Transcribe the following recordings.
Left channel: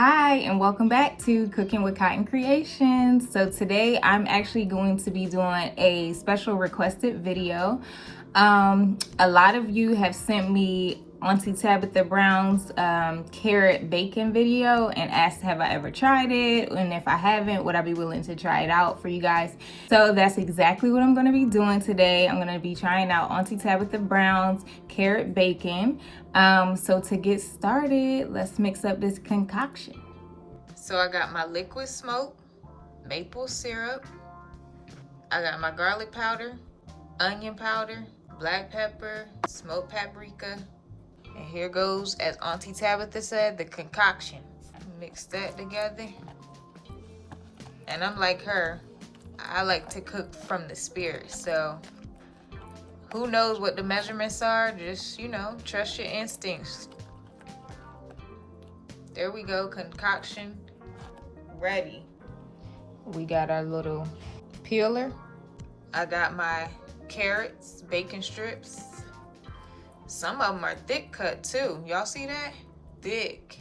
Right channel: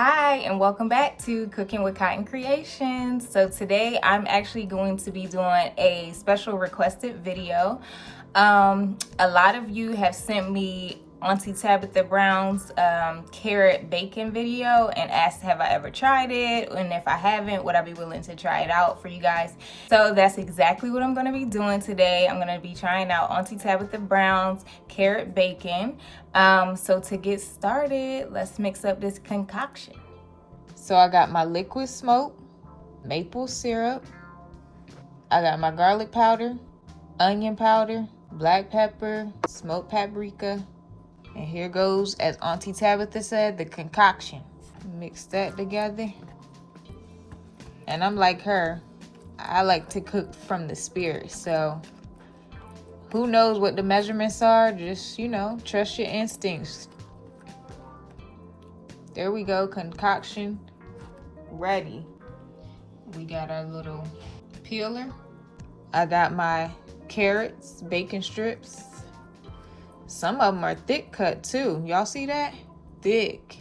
Hi, and welcome back to Cooking with Cotton Creations. So today I'm actually going to be doing a special requested video. A lot of you have sent me Auntie Tabitha Brown's carrot bacon video and asked have I ever tried it, and if I haven't, would I be willing to try it out for you guys. So that's exactly what I'm going to be doing today. I'm going to be trying out Auntie Tabitha Brown's carrot bacon. So to get started, let's mix up this concoction. So I got my liquid smoke, maple syrup, I got my garlic powder, onion powder, black pepper, smoked paprika, and here goes, as Auntie Tabitha said, the concoction. Mix that together. And I'm like her, I like to cook from the spirit, so who knows what the measurements are? Just, trust your instincts. There we go, concoction ready. We got our little peeler. I got my carrots, bacon strips. Some of them are thick cut too. Y'all see that? Thick.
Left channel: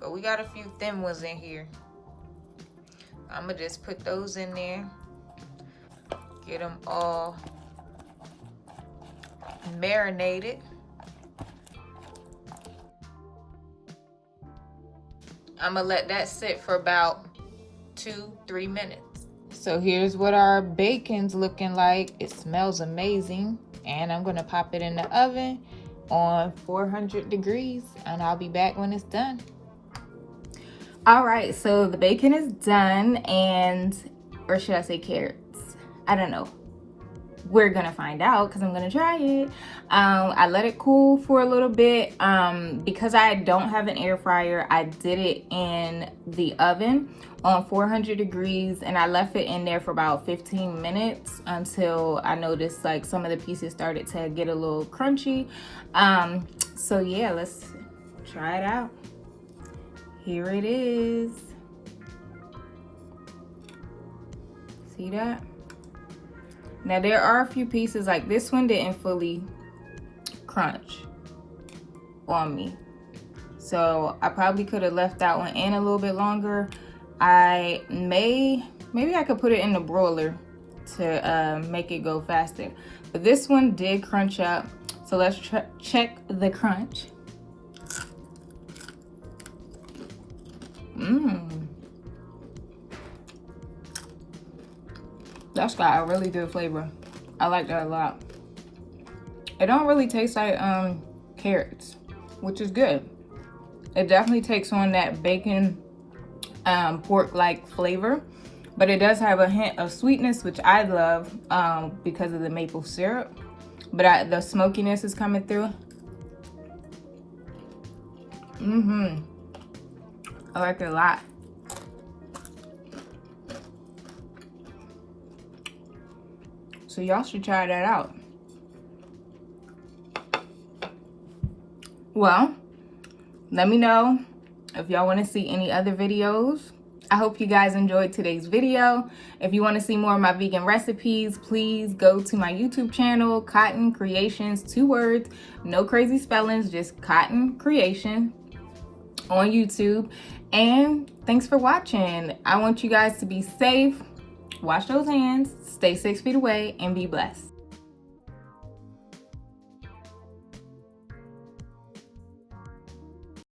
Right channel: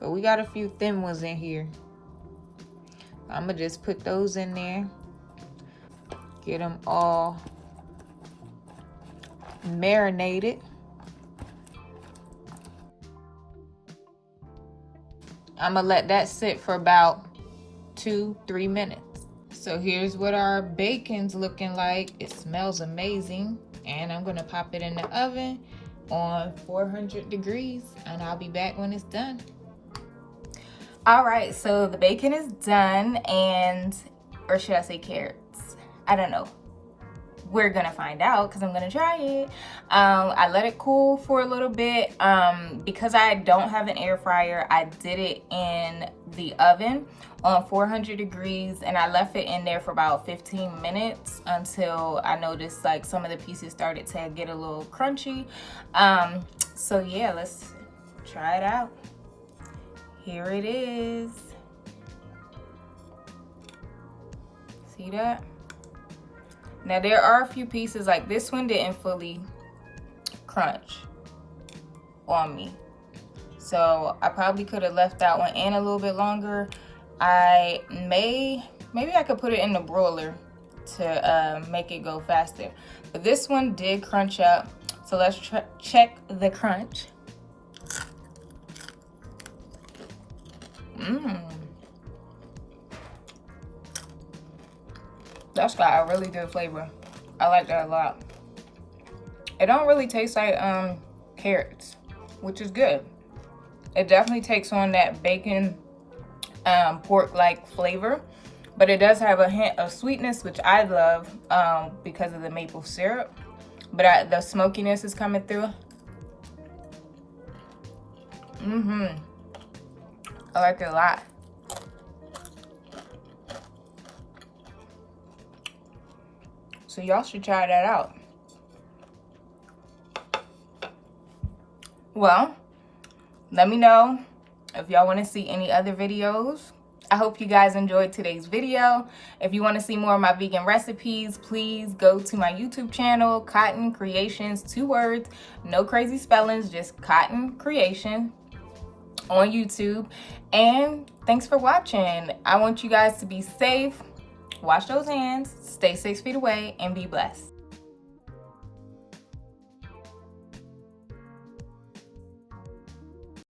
But we got a few thin ones in here. I'm gonna just put those in there. Get them all marinated. I'm gonna let that sit for about 2-3 minutes. So here's what our bacon's looking like. It smells amazing. And I'm gonna pop it in the oven on 400 degrees and I'll be back when it's done. All right, so the bacon is done, or should I say carrots? I don't know. We're gonna find out because I'm gonna try it. I let it cool for a little bit. Because I don't have an air fryer, I did it in the oven on 400 degrees and I left it in there for about 15 minutes until I noticed like some of the pieces started to get a little crunchy. So yeah, let's try it out. Here it is. See that? Now there are a few pieces, like this one didn't fully crunch on me. So I probably could have left that one in a little bit longer. Maybe I could put it in the broiler to make it go faster. But this one did crunch up. So let's check the crunch. That's got a really good flavor. I like that a lot. It don't really taste like carrots, which is good. It definitely takes on that bacon pork-like flavor, but it does have a hint of sweetness, which I love because of the maple syrup. But the smokiness is coming through. I like it a lot. So y'all should try that out. Well, let me know if y'all want to see any other videos. I hope you guys enjoyed today's video. If you want to see more of my vegan recipes, please go to my YouTube channel, Cotton Creations, 2 words, no crazy spellings, just Cotton Creation on YouTube. And thanks for watching. I want you guys to be safe, wash those hands, stay 6 feet away, and be blessed.